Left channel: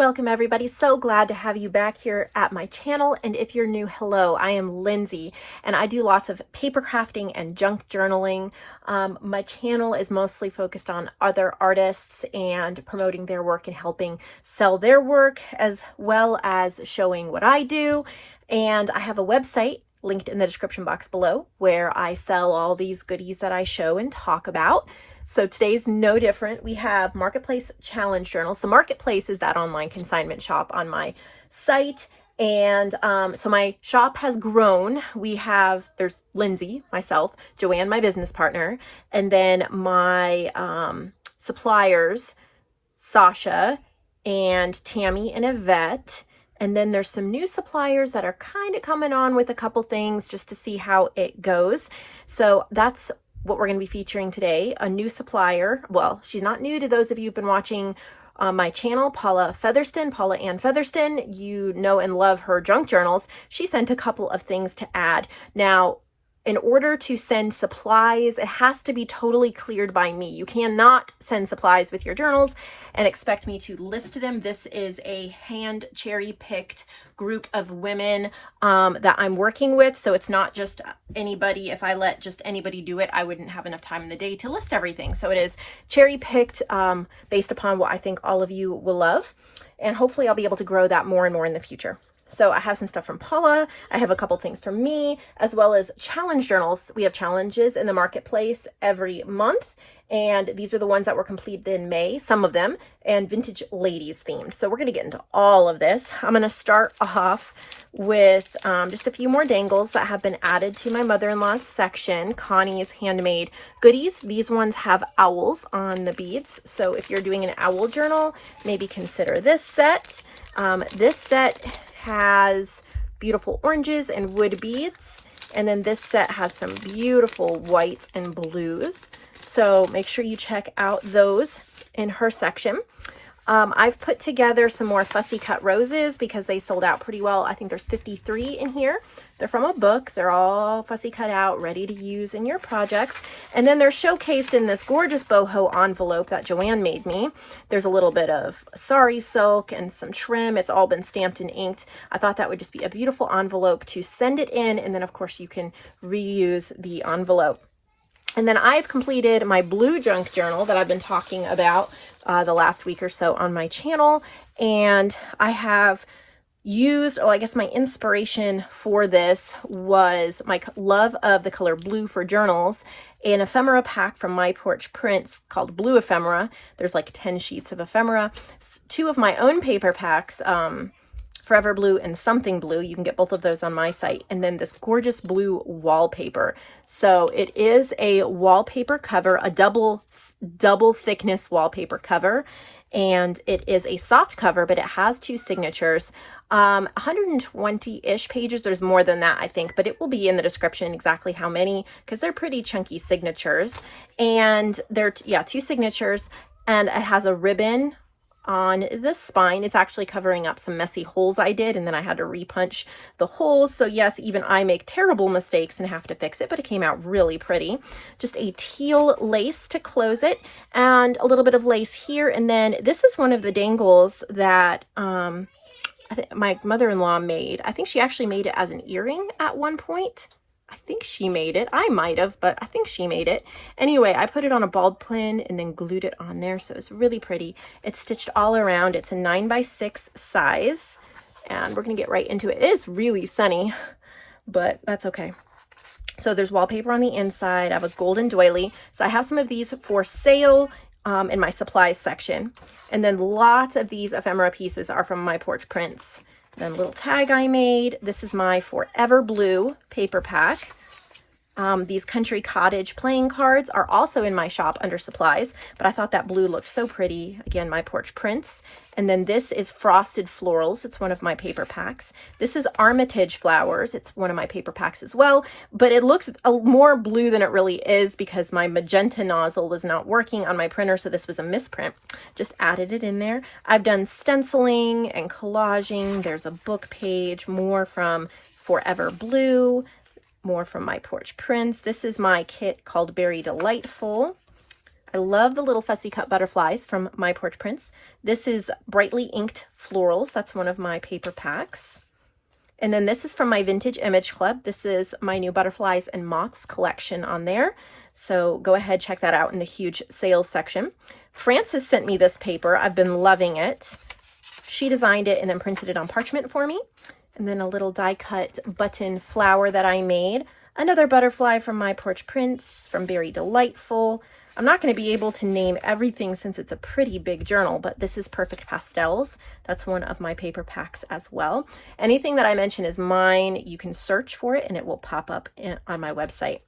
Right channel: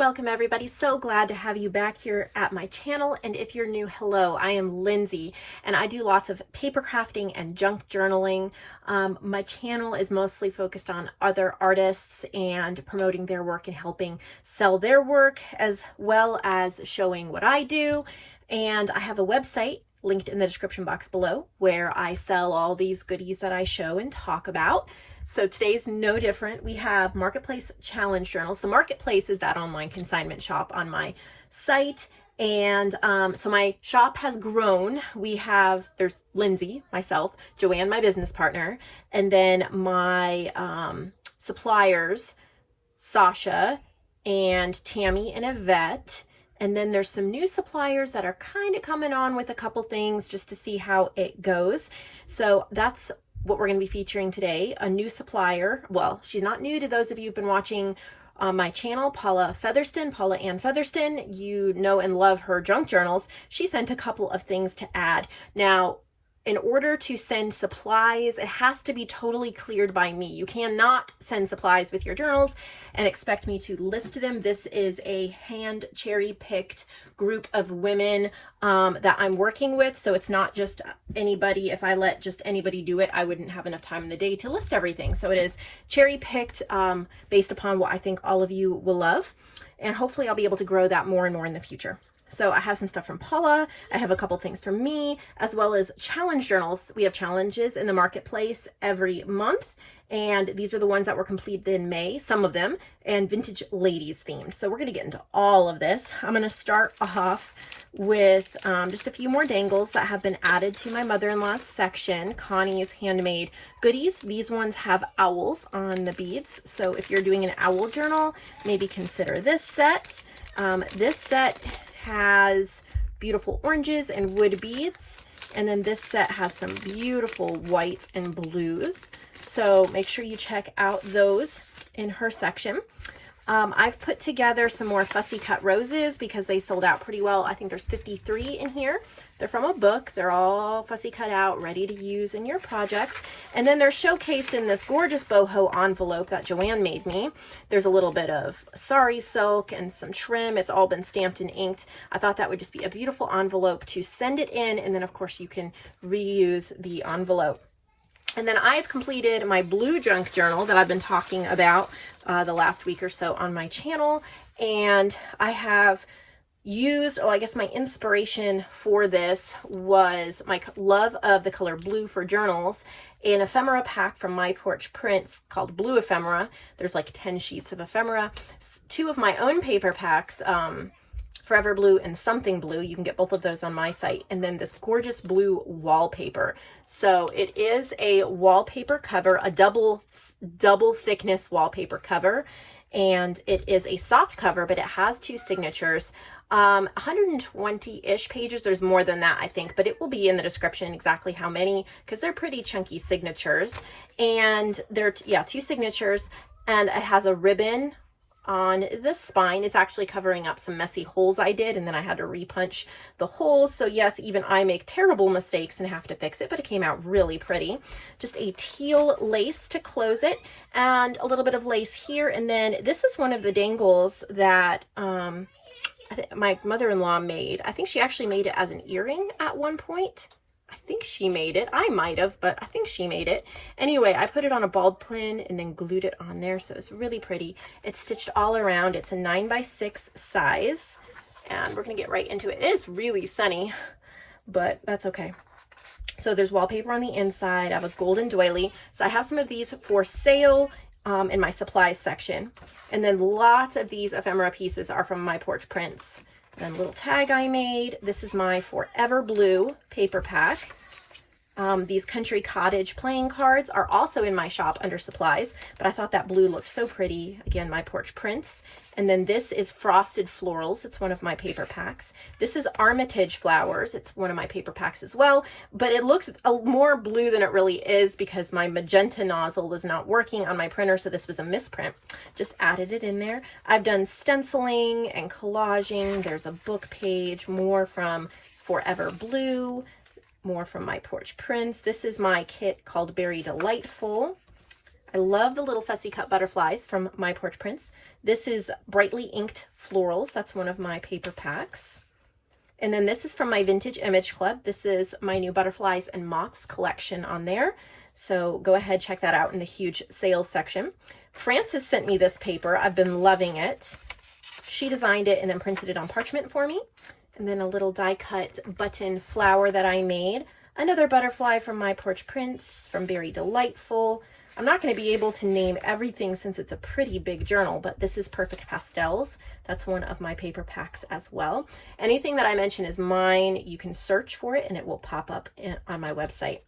Welcome everybody. So glad to have you back here at my channel. And if you're new, hello, I am Lindsay and I do lots of paper crafting and junk journaling. My channel is mostly focused on other artists and promoting their work and helping sell their work, as well as showing what I do. And I have a website linked in the description box below where I sell all these goodies that I show and talk about. So today's no different. We have Marketplace Challenge Journals. The Marketplace is that online consignment shop on my site. And so my shop has grown. There's Lindsay, myself, JoAnn, my business partner, and then my suppliers, Sasha and Tammy and Yvette. And then there's some new suppliers that are kind of coming on with a couple things just to see how it goes. So that's what we're going to be featuring today. A new supplier. Well, she's not new to those of you who've been watching my channel, Paula Ann Featherston. You know and love her junk journals. She sent a couple of things to add. Now, in order to send supplies, it has to be totally cleared by me. You cannot send supplies with your journals and expect me to list them. This is a hand cherry-picked group of women that I'm working with. So it's not just anybody. If I let just anybody do it, I wouldn't have enough time in the day to list everything. So it is cherry-picked based upon what I think all of you will love. And hopefully I'll be able to grow that more and more in the future. So I have some stuff from Paula. I have a couple things from me, as well as challenge journals. We have challenges in the marketplace every month. And these are the ones that were completed in May, some of them, and vintage ladies themed. So we're going to get into all of this. I'm going to start off with just a few more dangles that have been added to my mother-in-law's section, Connie's handmade goodies. These ones have owls on the beads. So if you're doing an owl journal, maybe consider this set. This set has beautiful oranges and wood beads. And then this set has some beautiful whites and blues. So make sure you check out those in her section. I've put together some more fussy cut roses because they sold out pretty well. I think there's 53 in here. They're from a book. They're all fussy cut out, ready to use in your projects. And then they're showcased in this gorgeous boho envelope that JoAnn made me. There's a little bit of sari silk and some trim. It's all been stamped and inked. I thought that would just be a beautiful envelope to send it in. And then of course you can reuse the envelope. And then I've completed my blue junk journal that I've been talking about the last week or so on my channel. And I have used, I guess my inspiration for this was my love of the color blue for journals. An ephemera pack from My Porch Prints called Blue Ephemera. There's like 10 sheets of ephemera. 2 of my own paper packs, Forever Blue and Something Blue. You can get both of those on my site. And then this gorgeous blue wallpaper. So it is a wallpaper cover, a double thickness wallpaper cover. And it is a soft cover, but it has 2 signatures. 120-ish pages. There's more than that, I think, but it will be in the description exactly how many, because they're pretty chunky signatures. And they're, 2 signatures. And it has a ribbon on the spine. It's actually covering up some messy holes I did, and then I had to repunch the holes. So yes, even I make terrible mistakes and have to fix it, but it came out really pretty. Just a teal lace to close it, and a little bit of lace here. And then this is one of the dangles that I think my mother-in-law made. I think she actually made it as an earring at one point. I think she made it. I might have, but I think she made it. Anyway, I put it on a ball pin and then glued it on there. So it's really pretty. It's stitched all around. It's a 9x6 size. And we're going to get right into it. It is really sunny, but that's okay. So there's wallpaper on the inside. I have a golden doily. So I have some of these for sale in my supplies section. And then lots of these ephemera pieces are from My Porch Prints. And a little tag I made. This is my Forever Blue paper pack. These Country Cottage playing cards are also in my shop under supplies, but I thought that blue looked so pretty. Again, My Porch Prints. And then this is Frosted Florals. It's one of my paper packs. This is Armitage Flowers. It's one of my paper packs as well, but it looks more blue than it really is because my magenta nozzle was not working on my printer, so this was a misprint. Just added it in there. I've done stenciling and collaging. There's a book page, more from Forever Blue, more from My Porch Prints. This is my kit called Berry Delightful. I love the little fussy cut butterflies from My Porch Prints. This is Brightly Inked Florals. That's one of my paper packs. And then this is from my Vintage Image Club. This is my new Butterflies and Moths collection on there. So go ahead, check that out in the huge sales section. Frances sent me this paper. I've been loving it. She designed it and then printed it on parchment for me. And then a little die cut button flower that I made. Another butterfly from My Porch Prints from Very Delightful. I'm not going to be able to name everything since it's a pretty big journal, but this is Perfect Pastels. That's one of my paper packs as well. Anything that I mention is mine. You can search for it and it will pop up on my website.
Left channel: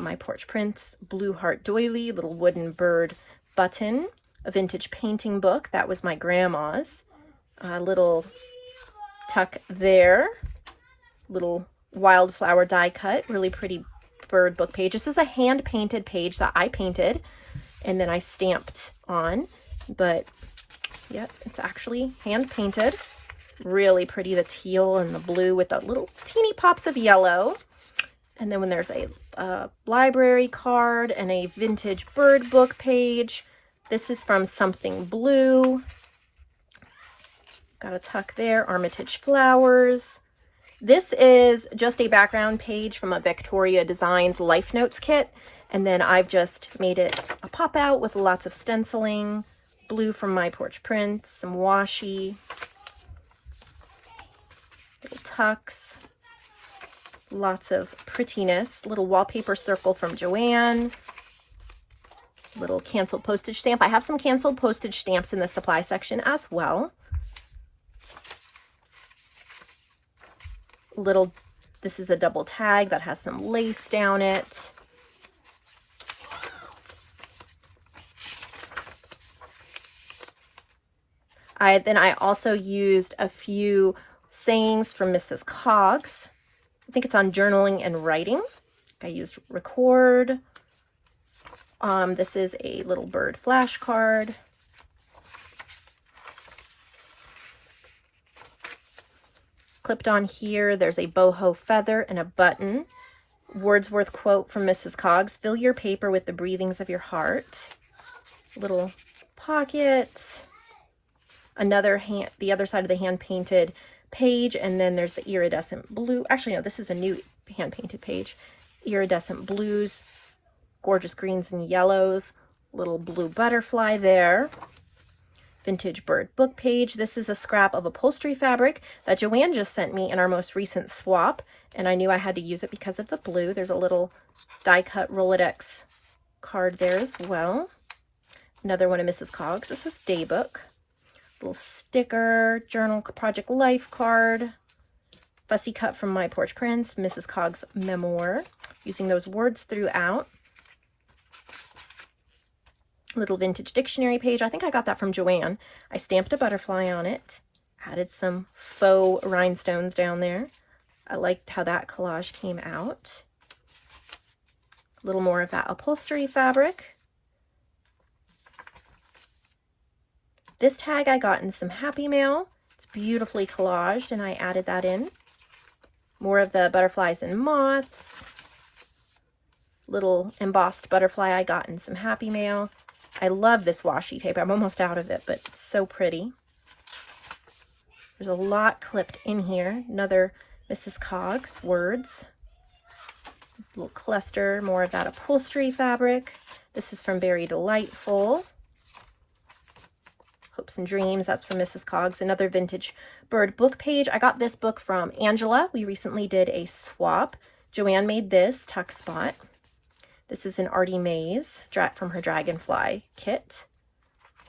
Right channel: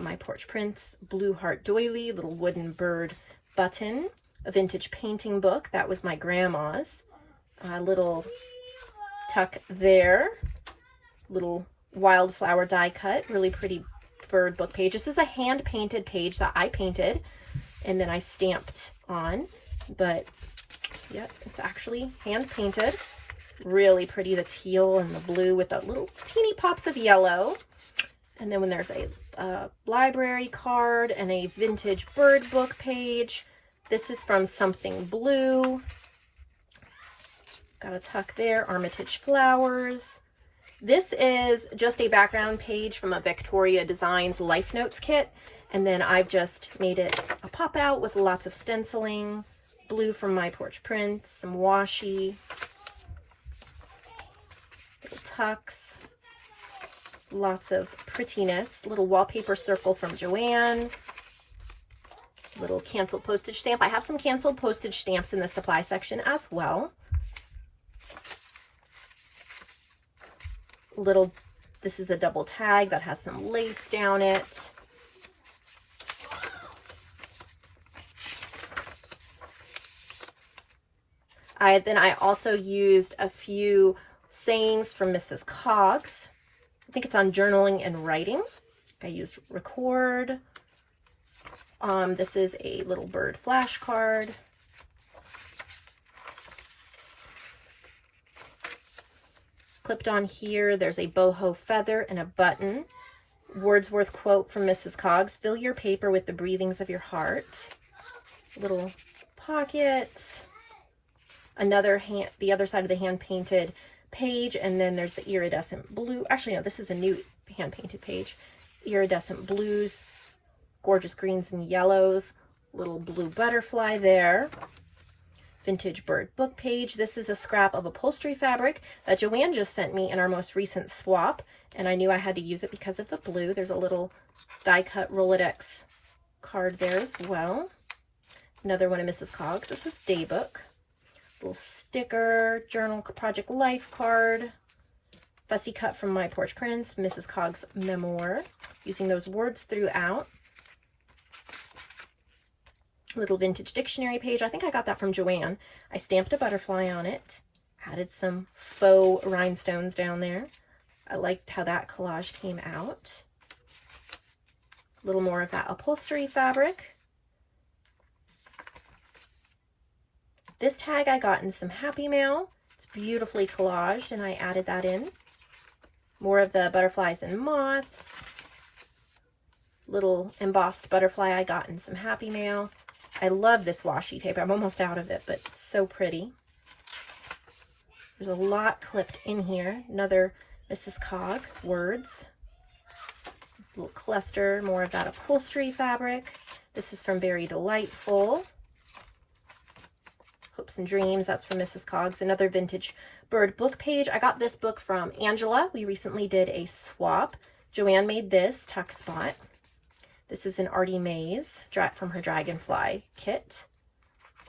My Porch Prints, Blue Heart Doily, little wooden bird button, a vintage painting book. That was my grandma's. A little tuck there, little wildflower die cut, really pretty bird book page. This is a hand painted page that I painted and then I stamped on, but yeah, it's actually hand painted. Really pretty, the teal and the blue with the little teeny pops of yellow. And then when there's a library card and a vintage bird book page. This is from Something Blue. Got a tuck there, Armitage Flowers. This is just a background page from a Victoria Designs Life Notes kit. And then I've just made it a pop out with lots of stenciling, blue from My Porch Prints, some washi, little tucks, lots of prettiness, little wallpaper circle from JoAnn, little canceled postage stamp. I have some canceled postage stamps in the supply section as well. This is a double tag that has some lace down it. I also used a few sayings from Mrs. Coggs. I think it's on journaling and writing. I used record. This is a little bird flashcard. Clipped on here, there's a boho feather and a button. Wordsworth quote from Mrs. Coggs, fill your paper with the breathings of your heart. Little pocket. Another the other side of the hand painted page, and then there's the iridescent blue. Actually, no, this is a new hand painted page. Iridescent blues, gorgeous greens and yellows, little blue butterfly there. Vintage bird book page. This is a scrap of upholstery fabric that JoAnn just sent me in our most recent swap, and I knew I had to use it because of the blue. There's a little die cut Rolodex card there as well. Another one of Mrs. Coggs. This is Daybook. Little sticker, journal project life card, fussy cut from My Porch Prints, Mrs. Coggs Memoir, using those words throughout. Little vintage dictionary page. I think I got that from JoAnn. I stamped a butterfly on it, added some faux rhinestones down there. I liked how that collage came out. A little more of that upholstery fabric. This tag I got in some Happy Mail. It's beautifully collaged and I added that in. More of the butterflies and moths. Little embossed butterfly I got in some Happy Mail. I love this washi tape. I'm almost out of it, but it's so pretty. There's a lot clipped in here. Another Mrs. Coggs words. A little cluster, more of that upholstery fabric. This is from Very Delightful. Hopes and Dreams, that's from Mrs. Coggs. Another vintage bird book page. I got this book from Angela. We recently did a swap. JoAnn made this tuck spot. This is an Artie Mays from her Dragonfly kit.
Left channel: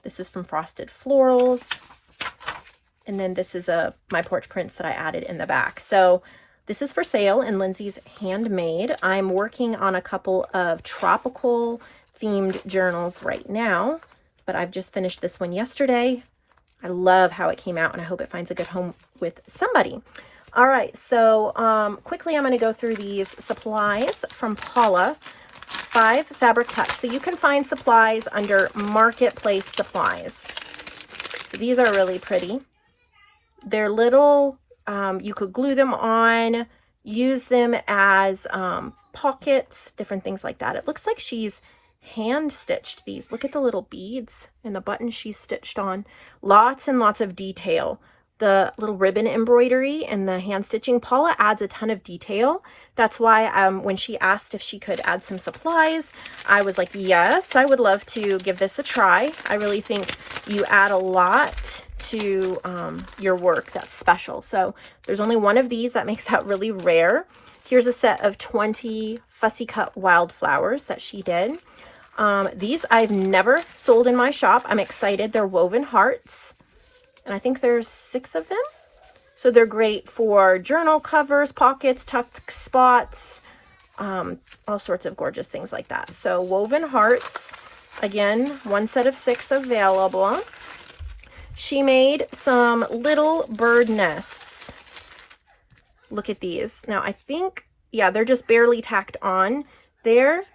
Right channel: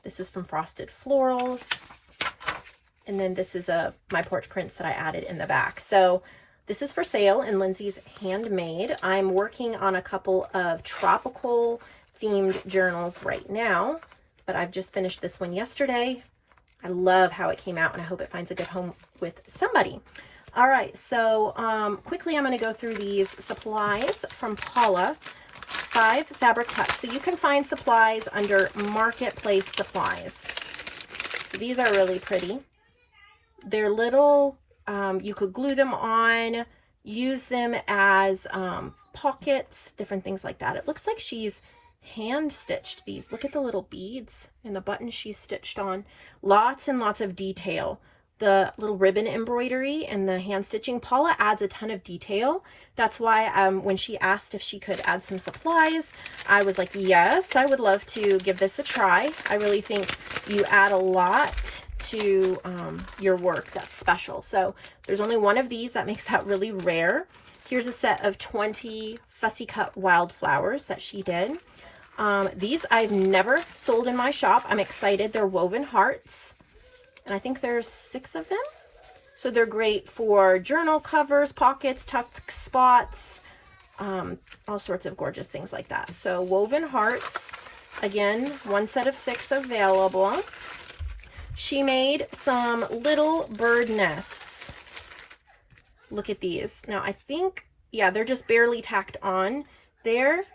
This is from Frosted Florals. And then this is My Porch Prints that I added in the back. So this is for sale in Lindsay's Handmade. I'm working on a couple of tropical themed journals right now, but I've just finished this one yesterday. I love how it came out and I hope it finds a good home with somebody. All right, so quickly I'm going to go through these supplies from Paula. 5 fabric cuts. So you can find supplies under Marketplace Supplies. So these are really pretty. They're little, you could glue them on, use them as pockets, different things like that. It looks like she's hand stitched these. Look at the little beads and the buttons she's stitched on. Lots and lots of detail. The little ribbon embroidery and the hand stitching. Paula adds a ton of detail. That's why when she asked if she could add some supplies, I was like, yes, I would love to give this a try. I really think you add a lot to your work that's special. So there's only one of these. That makes that really rare. Here's a set of 20 fussy cut wildflowers that she did. These I've never sold in my shop. I'm excited. They're woven hearts, and I think there's 6 of them. So they're great for journal covers, pockets, tucked spots, all sorts of gorgeous things like that. So woven hearts, again, one set of 6 available. She made some little bird nests. Look at these. Now I think, yeah, they're just barely tacked on there.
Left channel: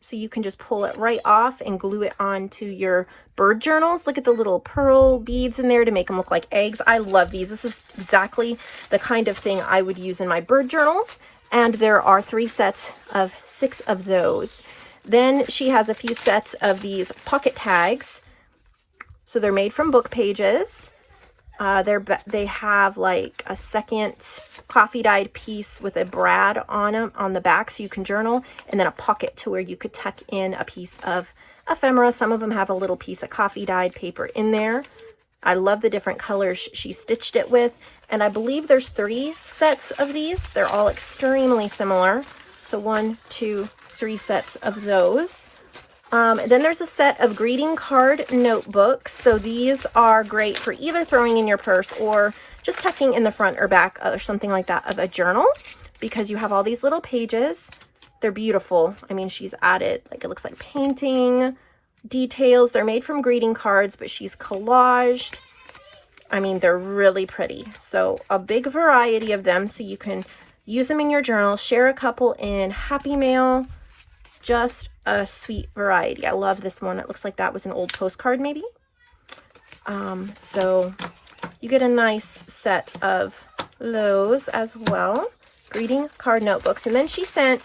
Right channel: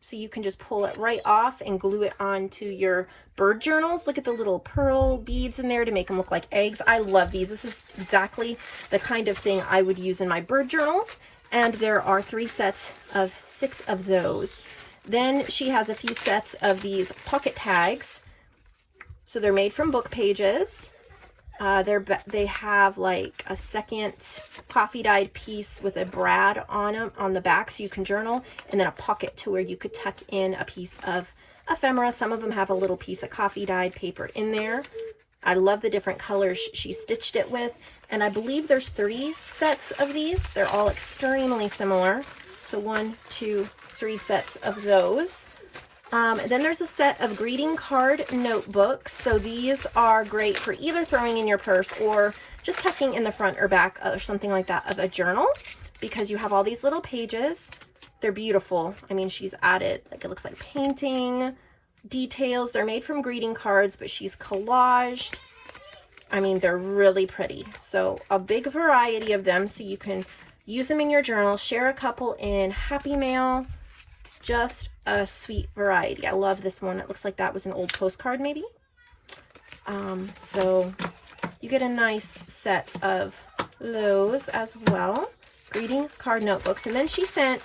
So you can just pull it right off and glue it onto your bird journals. Look at the little pearl beads in there to make them look like eggs. I love these. This is exactly the kind of thing I would use in my bird journals. And there are 3 sets of 6 of those. Then she has a few sets of these pocket tags. So they're made from book pages. They have like a second coffee dyed piece with a brad on them on the back so you can journal, and then a pocket to where you could tuck in a piece of ephemera. Some of them have a little piece of coffee dyed paper in there. I love the different colors she stitched it with, and I believe there's 3 sets of these. They're all extremely similar. So 1, 2, 3 sets of those. Then there's a set of greeting card notebooks. So these are great for either throwing in your purse or just tucking in the front or back or something like that of a journal, because you have all these little pages. They're beautiful. I mean, she's added, like, it looks like painting details. They're made from greeting cards, but she's collaged. I mean, they're really pretty. So a big variety of them, so you can use them in your journal, share a couple in Happy Mail. Just a sweet variety. I love this one. It looks like that was an old postcard maybe. So you get a nice set of those as well. Greeting card notebooks. And then she sent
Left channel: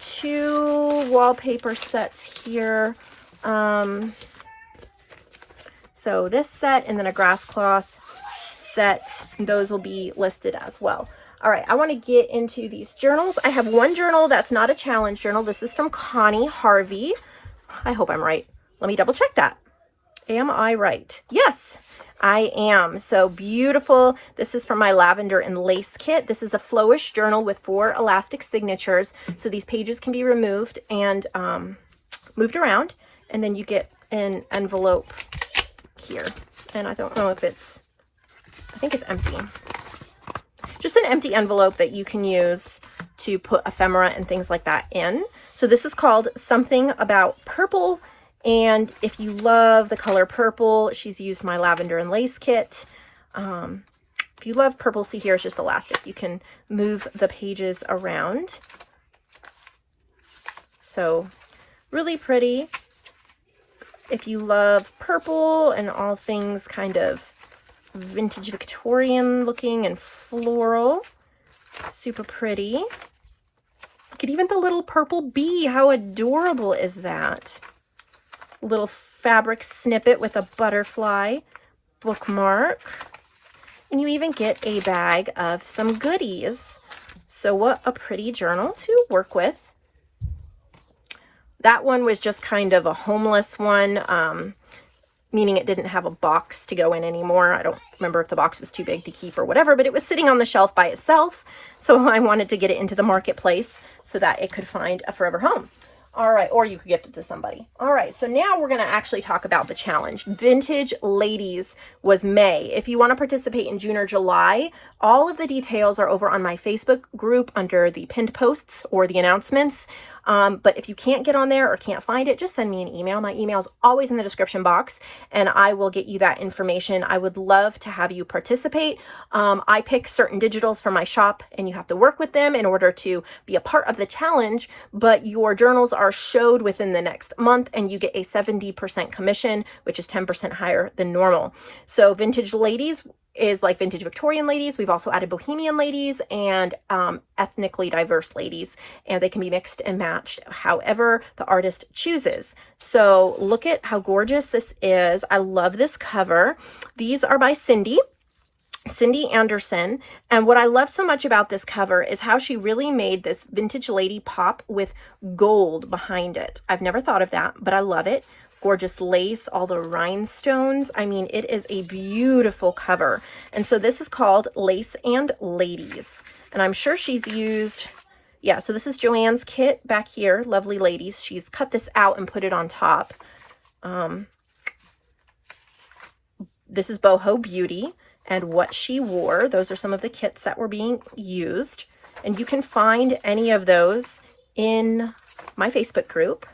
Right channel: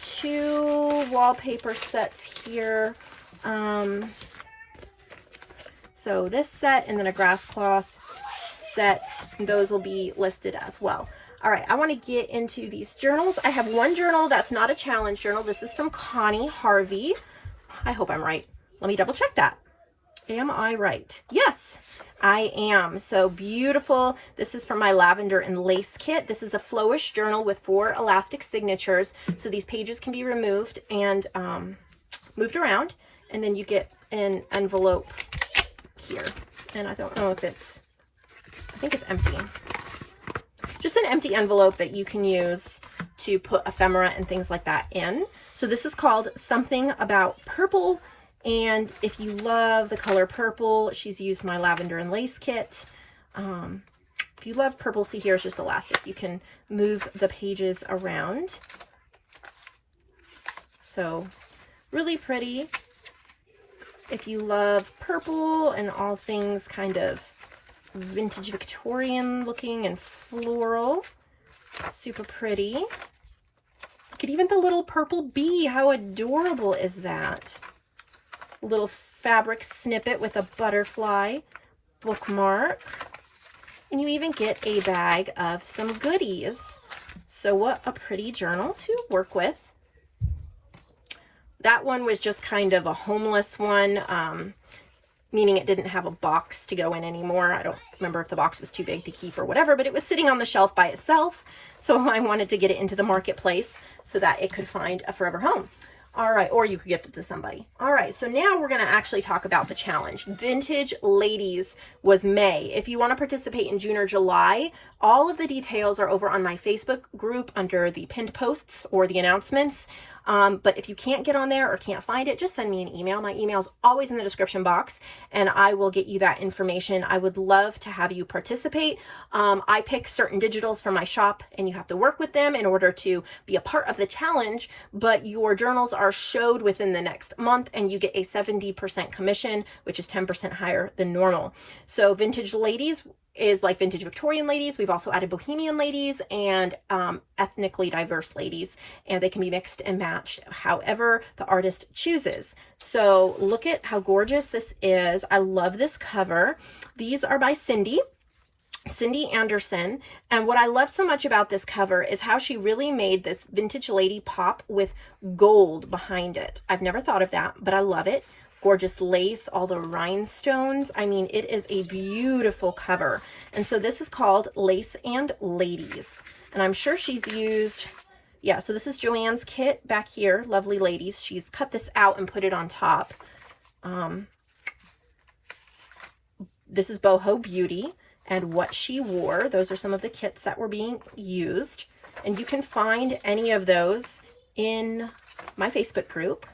2 wallpaper sets here. So this set and then a grass cloth set. Those will be listed as well. All right, I want to get into these journals. I have one journal that's not a challenge journal. This is from Connie Harvey. I hope I'm right. Let me double check that. Am I right? Yes, I am. So beautiful. This is from my lavender and lace kit. This is a flowish journal with 4 elastic signatures. So these pages can be removed and moved around. And then you get an envelope here. And I don't know if it's, I think it's empty. Just an empty envelope that you can use to put ephemera and things like that in. So this is called Something About Purple. And if you love the color purple, she's used my lavender and lace kit. If you love purple, see here, it's just elastic. You can move the pages around. So really pretty. If you love purple and all things kind of vintage Victorian looking and floral, super pretty. Look at even the little purple bee. How adorable is that? Little fabric snippet with a butterfly bookmark. And you even get a bag of some goodies. So what a pretty journal to work with. That one was just kind of a homeless one, meaning it didn't have a box to go in anymore. I don't remember if the box was too big to keep or whatever, but it was sitting on the shelf by itself. So I wanted to get it into the marketplace so that it could find a forever home. All right, or you could gift it to somebody. All right, so now we're gonna actually talk about the challenge. Vintage Ladies was May. If you wanna participate in June or July, all of the details are over on my Facebook group under the pinned posts or the announcements. But if you can't get on there or can't find it, just send me an email. My email is always in the description box and I will get you that information. I would love to have you participate. I pick certain digitals from my shop and you have to work with them in order to be a part of the challenge, but your journals are showed within the next month and you get a 70% commission, which is 10% higher than normal. So Vintage Ladies is like vintage Victorian ladies. We've also added bohemian ladies and ethnically diverse ladies, and they can be mixed and matched however the artist chooses. So look at how gorgeous this is. I love this cover. These are by Cindy Anderson. And what I love so much about this cover is how she really made this vintage lady pop with gold behind it. I've never thought of that, but I love it. Gorgeous lace, all the rhinestones. I mean, it is a beautiful cover. And so this is called Lace and Ladies. And I'm sure she's used, yeah, so this is JoAnn's kit back here, Lovely Ladies. She's cut this out and put it on top. This is Boho Beauty and What She Wore. Those are some of the kits that were being used. And you can find any of those in my Facebook group.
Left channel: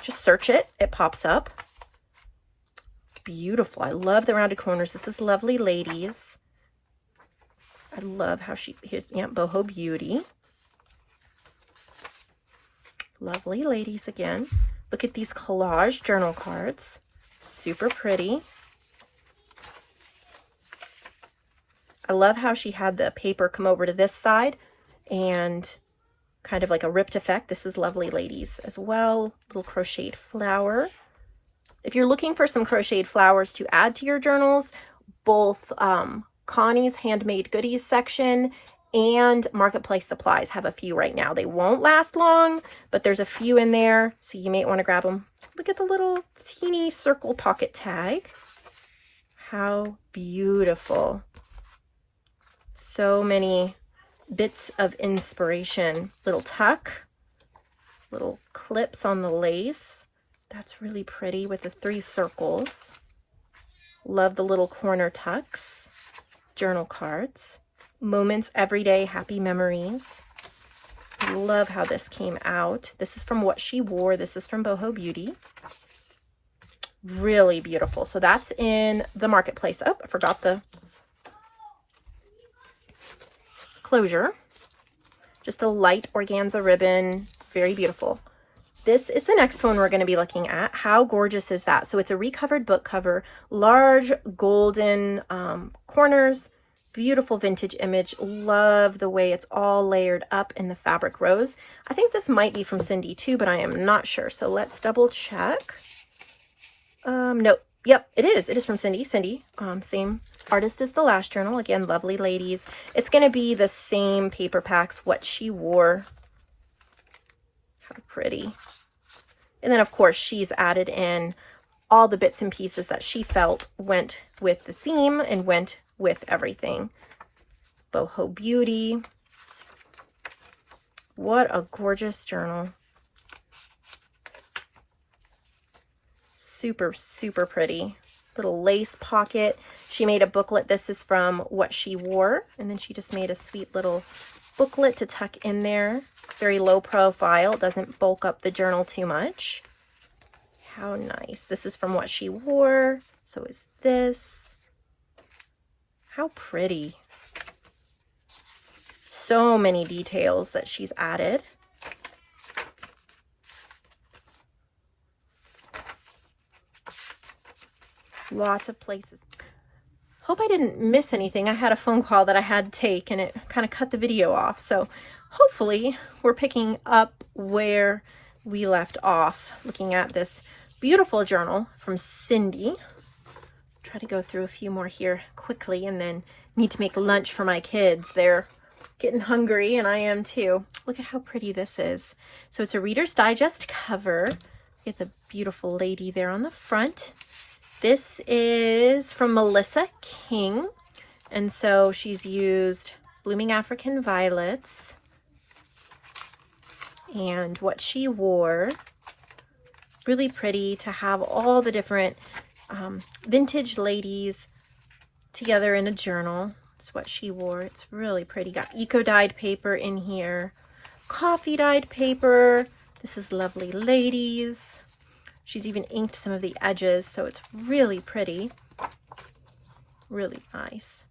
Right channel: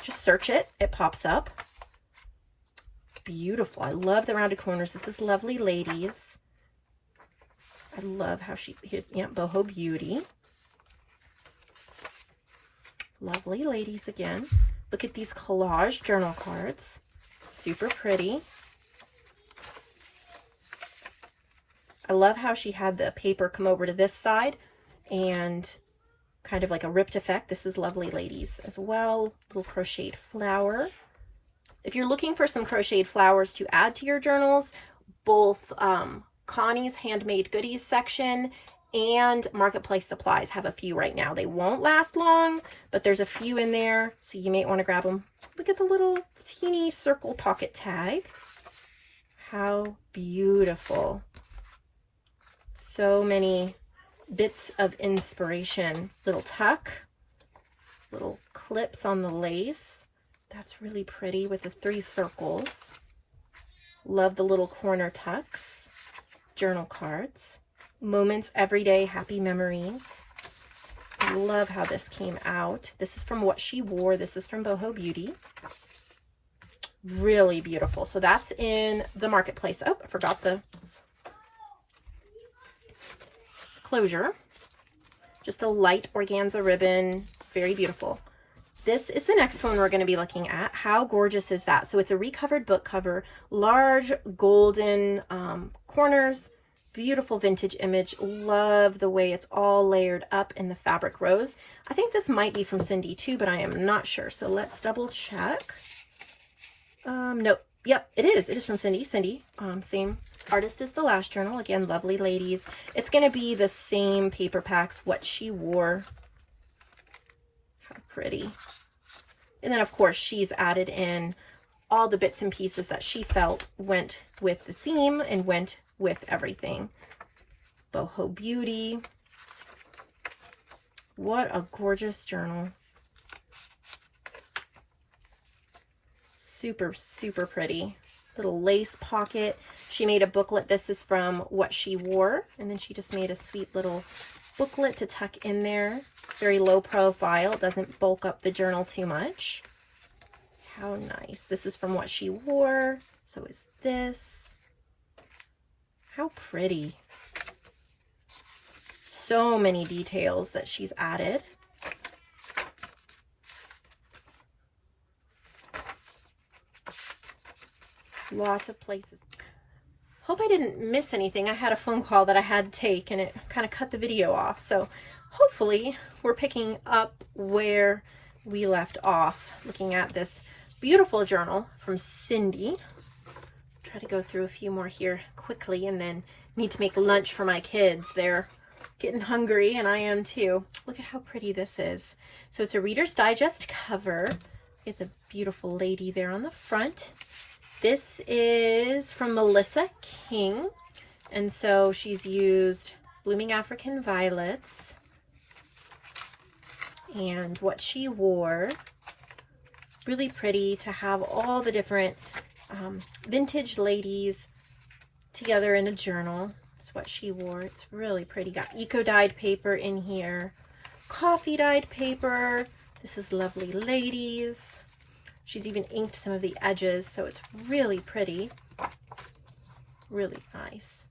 Just search it, it pops up. It's beautiful. I love the rounded corners. This is Lovely Ladies. I love how here's, yeah, Boho Beauty. Lovely Ladies again. Look at these collage journal cards. Super pretty. I love how she had the paper come over to this side and kind of like a ripped effect. This is Lovely Ladies as well. Little crocheted flower. If you're looking for some crocheted flowers to add to your journals, both Connie's Handmade Goodies section and Marketplace Supplies have a few right now. They won't last long, but there's a few in there, so you may want to grab them. Look at the little teeny circle pocket tag. How beautiful. So many bits of inspiration. Little tuck, little clips on the lace. That's really pretty with the 3 circles. Love the little corner tucks. Journal cards. Moments, everyday, happy memories. I love how this came out. This is from What She Wore. This is from Boho Beauty. Really beautiful. So that's in the Marketplace. Oh, I forgot the closure. Just a light organza ribbon. Very beautiful. This is the next one we're going to be looking at. How gorgeous is that? So it's a recovered book cover, large golden corners, beautiful vintage image. Love the way it's all layered up in the fabric rose. I think this might be from Cindy too, but I am not sure. So let's double check. No, yep, it is. It is from Cindy. Same artist as the last journal. Again, Lovely Ladies. It's going to be the same paper packs, What She Wore. How pretty. And then, of course, she's added in all the bits and pieces that she felt went with the theme and went with everything. Boho Beauty. What a gorgeous journal. Super, super pretty. Little lace pocket. She made a booklet. This is from What She Wore. And then she just made a sweet little booklet to tuck in there. Very low profile. It doesn't bulk up the journal too much. How nice. This is from What She Wore. So is this. How pretty. So many details that she's added. Lots of places. Hope I didn't miss anything. I had a phone call that I had to take and it kind of cut the video off. So hopefully we're picking up where we left off, looking at this beautiful journal from Cindy. Try to go through a few more here quickly and then need to make lunch for my kids. They're getting hungry and I am too. Look at how pretty this is. So it's a Reader's Digest cover. It's a beautiful lady there on the front. This is from Melissa King, and so she's used Blooming African Violets and What She Wore. Really pretty to have all the different vintage ladies together in a journal. It's What She Wore. It's really pretty. Got eco-dyed paper in here, coffee-dyed paper. This is Lovely Ladies. She's even inked some of the edges, so it's really pretty. Really nice.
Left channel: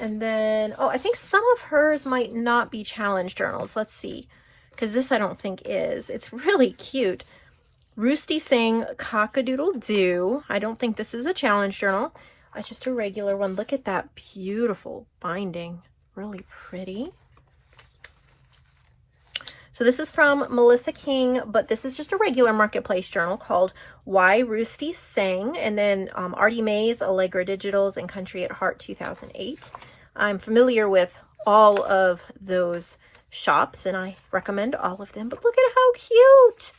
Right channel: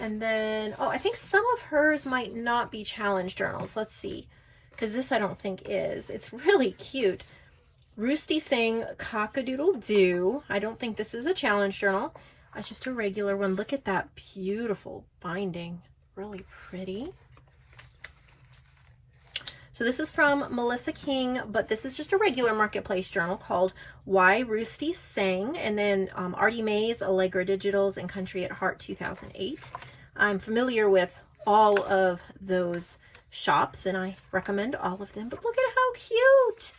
And then, oh, I think some of hers might not be challenge journals. Let's see, because this I don't think is. It's really cute. Roosty saying Cock-a-Doodle-Doo. I don't think this is a challenge journal. just a regular one. Look at that beautiful binding. Really pretty. So this is from Melissa King, but this is just a regular marketplace journal called Why Roosty Sang, and then Artie Mays, Allegra Digitals, and Country at Heart 2008. I'm familiar with all of those shops, and I recommend all of them. But look at how cute!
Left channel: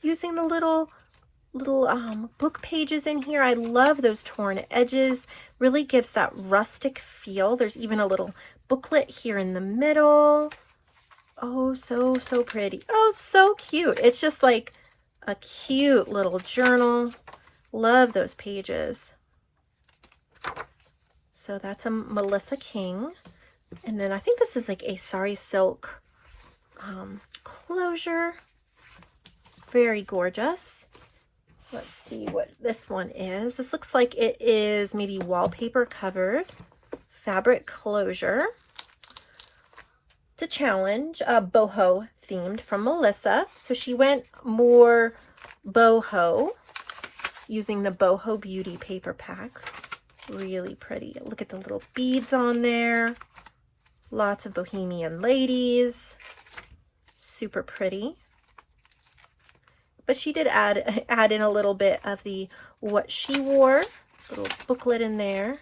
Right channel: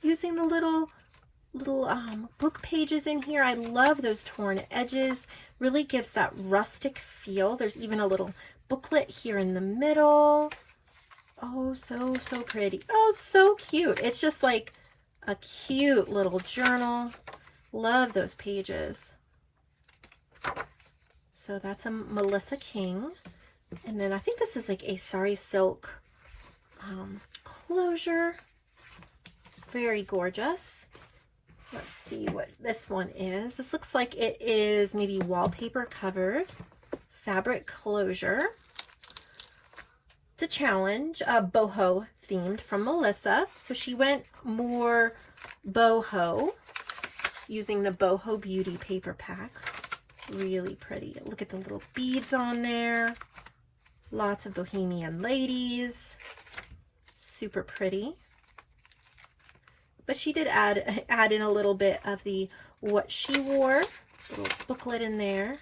Using the little book pages in here. I love those torn edges. Really gives that rustic feel. There's even a little booklet here in the middle. Oh, so pretty. Oh, so cute. It's just like a cute little journal. Love those pages. So that's a Melissa King. And then I think this is like a sari silk closure. Very gorgeous. Let's see what this one is. This looks like it is maybe wallpaper covered. Fabric closure. It's a challenge, boho themed from Melissa. So she went more boho using the Boho Beauty paper pack. Really pretty. Look at the little beads on there. Lots of bohemian ladies. Super pretty. But she did add in a little bit of the what she wore. Little booklet in there.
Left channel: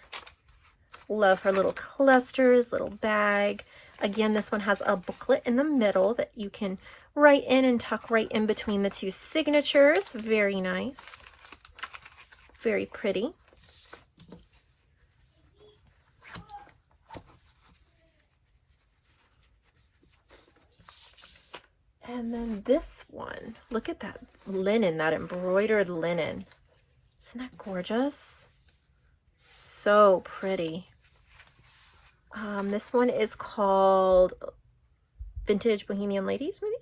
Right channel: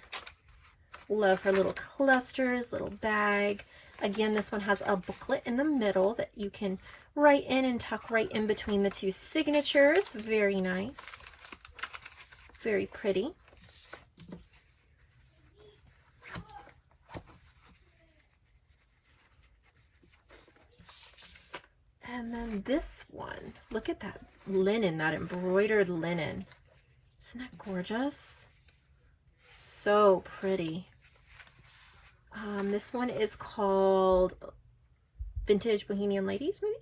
Love her little clusters, little bag. Again, this one has a booklet in the middle that you can write in and tuck right in between the two signatures. Very nice. Very pretty. And then this one, look at that linen, that embroidered linen. Isn't that gorgeous? So pretty. This one is called Vintage Bohemian Ladies, maybe?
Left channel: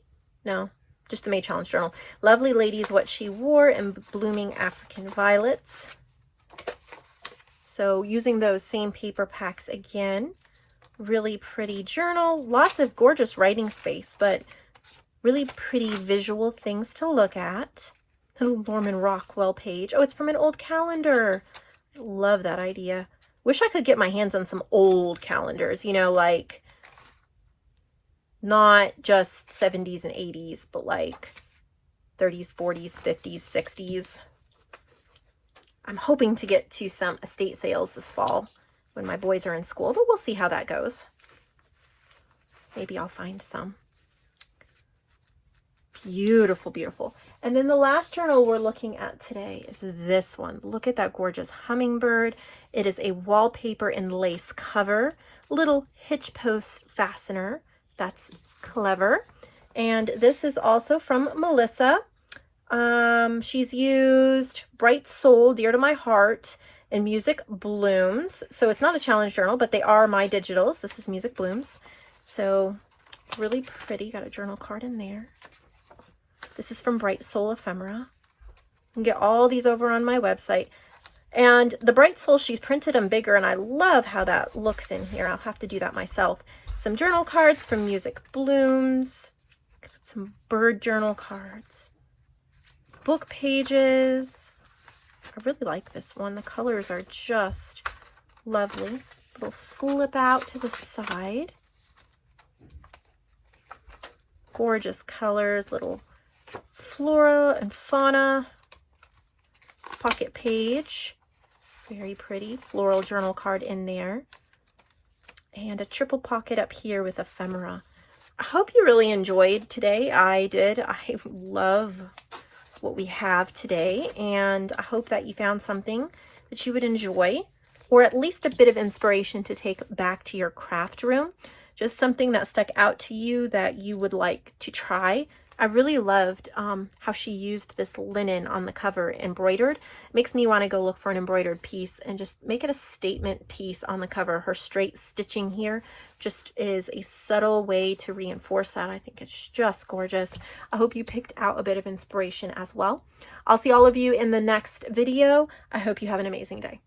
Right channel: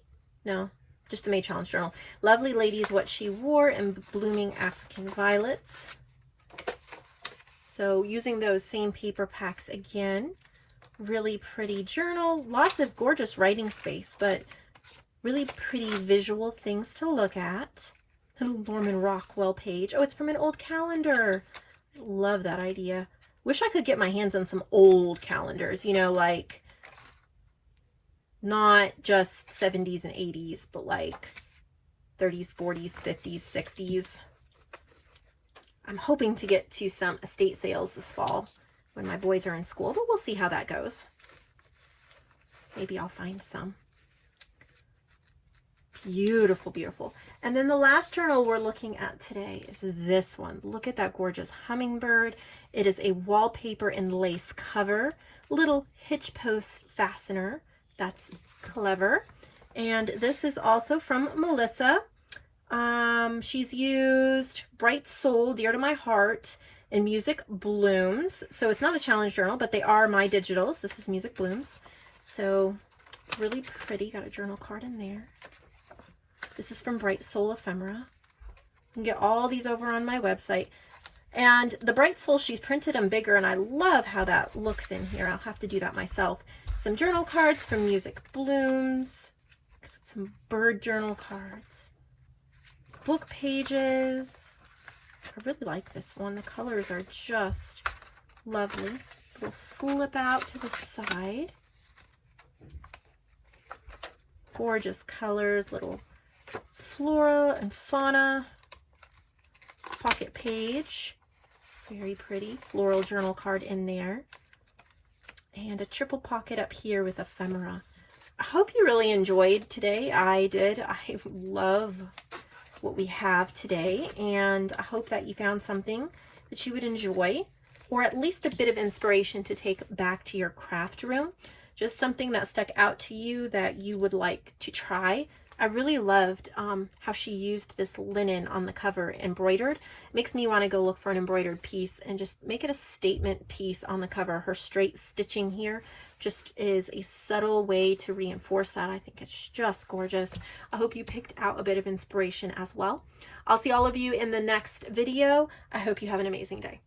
No, just the May Challenge Journal. Lovely Ladies, What She Wore, and Blooming African Violets. So using those same paper packs again. Really pretty journal. Lots of gorgeous writing space, but really pretty visual things to look at. Little Norman Rockwell page. Oh, it's from an old calendar. I love that idea. Wish I could get my hands on some old calendars, you know, like not just 70s and 80s, but like 30s, 40s, 50s, 60s. I'm hoping to get to some estate sales this fall when my boys are in school, but we'll see how that goes. Maybe I'll find some. Beautiful, beautiful. And then the last journal we're looking at today is this one. Look at that gorgeous hummingbird. It is a wallpaper and lace cover, little hitch post fastener. That's clever. And this is also from Melissa. She's used Bright Soul, Dear to My Heart, and Music Blooms. So it's not a challenge journal, but they are my digitals. This is Music Blooms. So really pretty. Got a journal card in there. This is from Bright Soul Ephemera. You can get all these over on my website. And the Bright Soul, she's printed them bigger, and I love how that looks in here. I'll have to do that myself. Some journal cards from Music Blooms. Some bird journal cards. Book pages. I really like this one. The colors are just lovely. Little flip out to the side. Gorgeous colors, little flora and fauna. Pocket page. Very pretty. Floral journal card in there. And a triple pocket up here with ephemera. I hope you really enjoyed today. I did. I love what we have today, and I hope that you found something that you would enjoy, or at least a bit of inspiration to take back to your craft room. Just something that stuck out to you that you would like to try. I really loved how she used this linen on the cover embroidered. It makes me want to go look for an embroidered piece and just make it a statement piece on the cover. Her straight stitching here just is a subtle way to reinforce that. I think it's just gorgeous. I hope you picked out a bit of inspiration as well. I'll see all of you in the next video. I hope you have an amazing day.